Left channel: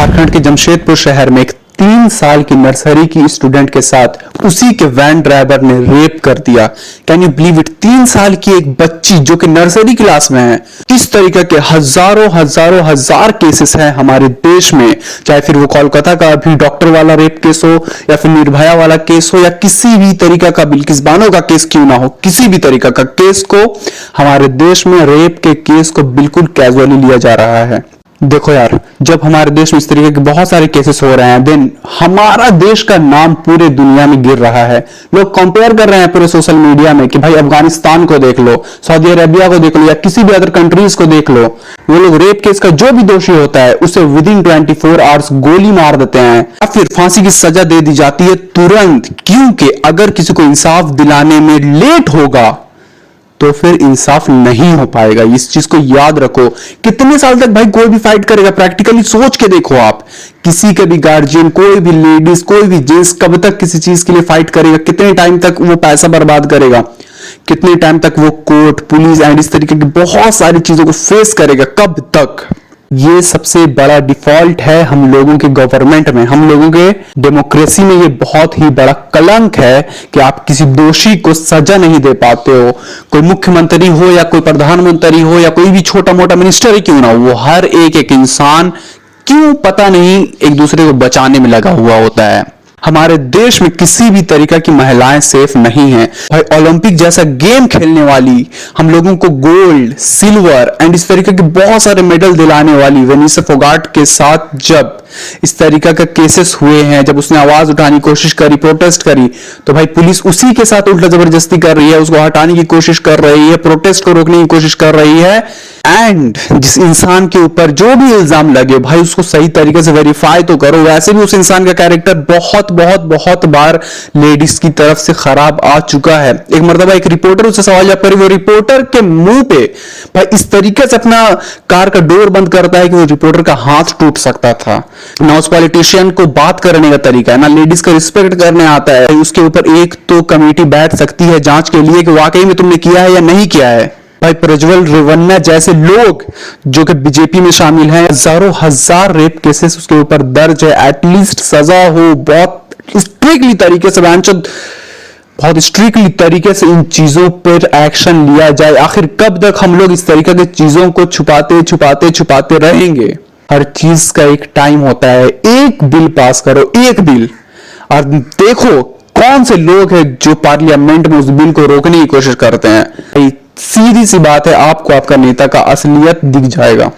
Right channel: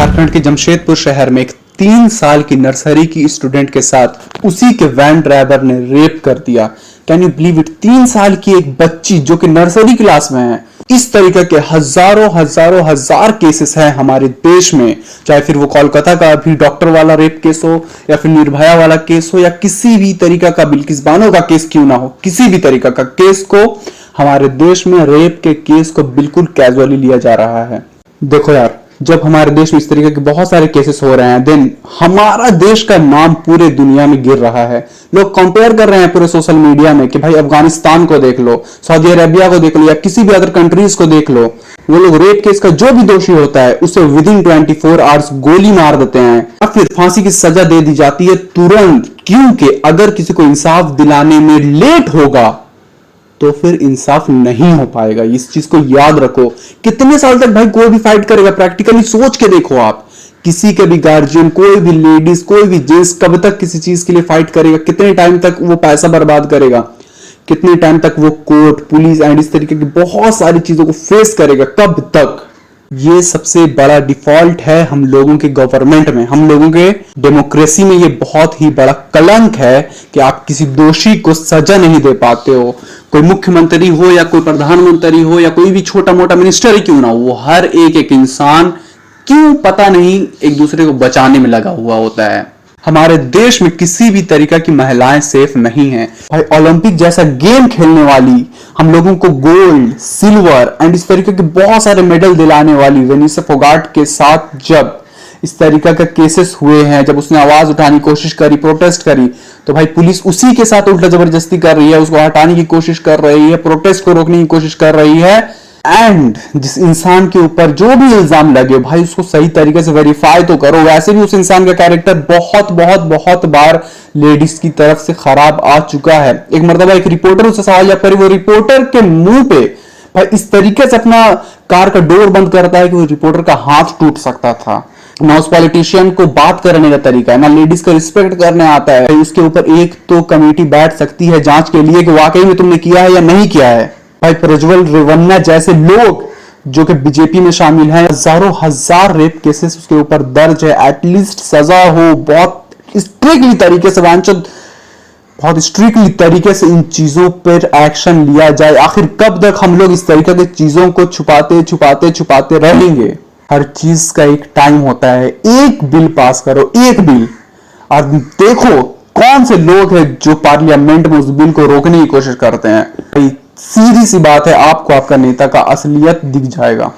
झारखंड के जमशेदपुर शहर में एक 3 साल की नर्सरी की स्टूडेंट के साथ उसी के वैन ड्राइवर ने रेप कर दिया। Can you believe it? 3 साल की एक बच्ची जो कि नर्सरी क्लास में है। इस तरीके के हजार केसेस हैं हमारे देश में, चाहे फिर वो कोलकाता का अभी डॉक्टर वाला रेप केस हो या फिर निर्भया वाला केस हो या किसी भी तरीका का बिल्किस बानो का केस क्यों ना हो, किसी भी तरीका का केस को हमारे देश में रेप के केस को बिल्कुल कैजुअली लिया जा रहा है। देखो यार, जब हमारे देश में इस तरीके के बहुत सारे केसेस हो रहे हैं, देन हमारा देश का नाम पूरे दुनिया में गिर रहा है। लोग कंपेयर कर रहे हैं पूरे सोशल मीडिया में कि भाई अफगानिस्तान को देख लो, सऊदी अरेबिया को देख लो या किसी भी अदर कंट्रीज को देख लो, वो लोग रेप केस का जो भी दोषी होता है उसे विद इन 24 आवर्स गोली मार देते हैं या फिर फांसी की सजा दे दी जाती है तुरंत, क्योंकि अगर किसी को इंसाफ दिलाने में लेट होगा तो फिर इंसाफ नहीं हो पाएगा। इस चीज को याद रखो। कितने साल तक भाई कोई भी फाइट करेगा? प्रैक्टिकली सोच के देखो आप, किसी के भी गार्जियन, कोई भी लेडीज, कोई भी जेंट्स कब तक किसी चीज के लिए फाइट करेगा? कितने टाइम तक वो पैसा बर्बाद करेगा? कितने टाइम तक वो कोर्ट, पुलिस एंड इस तरीके की बहुत सारी चीजों को फेस करेगा? कब तक? ये सबसे बड़ा डिफॉल्ट है हम लोगों के गवर्नमेंट में, हम लोगों के डेमोक्रेसी में। ये बहुत ही बड़ा कलंक है कि आप किसी दोषी को सजा नहीं दे पाते हो। कोई मुख्यमंत्री हो या कोई प्रधानमंत्री हो या कोई भी छोटा मोटा मिनिस्टर ही क्यों ना हो, वो हर एक इंसान क्यों पता नहीं एक दूसरे को बचाने में लगा हुआ होता है। हमारे देश में किसी भी तरीका की महिलाएं सेफ नहीं हैं। भाई ओलंपिक जैसा गेम खेलने वाली, हम लोगों को गोल्ड, सिल्वर एंड इस तरीके के बहुत सारे मेडल दिलाने वाली वेनिसा फोगाट के साथ जब इस तरीका का केसेस हुए हैं, जब उसने आवाज उठाने की कोशिश करी, प्रोटेस्ट करी, तो भाई पुलिस उसी के साथ उल्टा जबरदस्ती कर रही है, उसको हटाने की कोशिश कर रही है, प्रोटेस्ट को रोकने की कोशिश कर रही है। एंड जिस इंसान के ऊपर जो भी इल्जाम लगे भाई उसको सही तरीके से वेरीफाई तो करो। वैसे भी उस इंसान का कैरेक्टर बहुत बार लेडीज की तरफ से खराब आ चुका है। एक मर्तबा एक रिपोर्टर उससे सवाल जवाब करी, वो रिपोर्टर के मुंह पे भाई इस तरीके से अपना कार का डोर बंद करता है कि वो रिपोर्टर का हाथ टूट सकता था। ना उस पॉलिटिशियन को बात करने का तरीका है, ना लेडीज का रिस्पेक्ट करने आता है। उसके ऊपर एक तो कमेटी बैठ सकती है जांच के लिए कि वाकई में तुमने किया है या नहीं किया है। भाई प्रज्वल रेवन्ना जैसे लोग जो कि बीजेपी में शामिल हैं, हजार रेप केसेस उसके ऊपर दर्ज है। एटलीस्ट सजा हो, बहुत स्ट्रिक्टली तरीके से, बहुत स्ट्रिक्टली तरीके से इन चीजों पर एक्शन लिया जाए। आखिर कब तक हम लोग इस तरीके की चीजों को छुपाते रहेंगे? हर चीज का एक टाइम होता है। एक बिल पास करो, एक बिल, और देखो कौन से लोग हैं जो पार्लियामेंट में उस बिल को रोकने की कोशिश करते हैं। सीधी सी बात है, आपको आपका नेता का असलियत दिख जाएगा।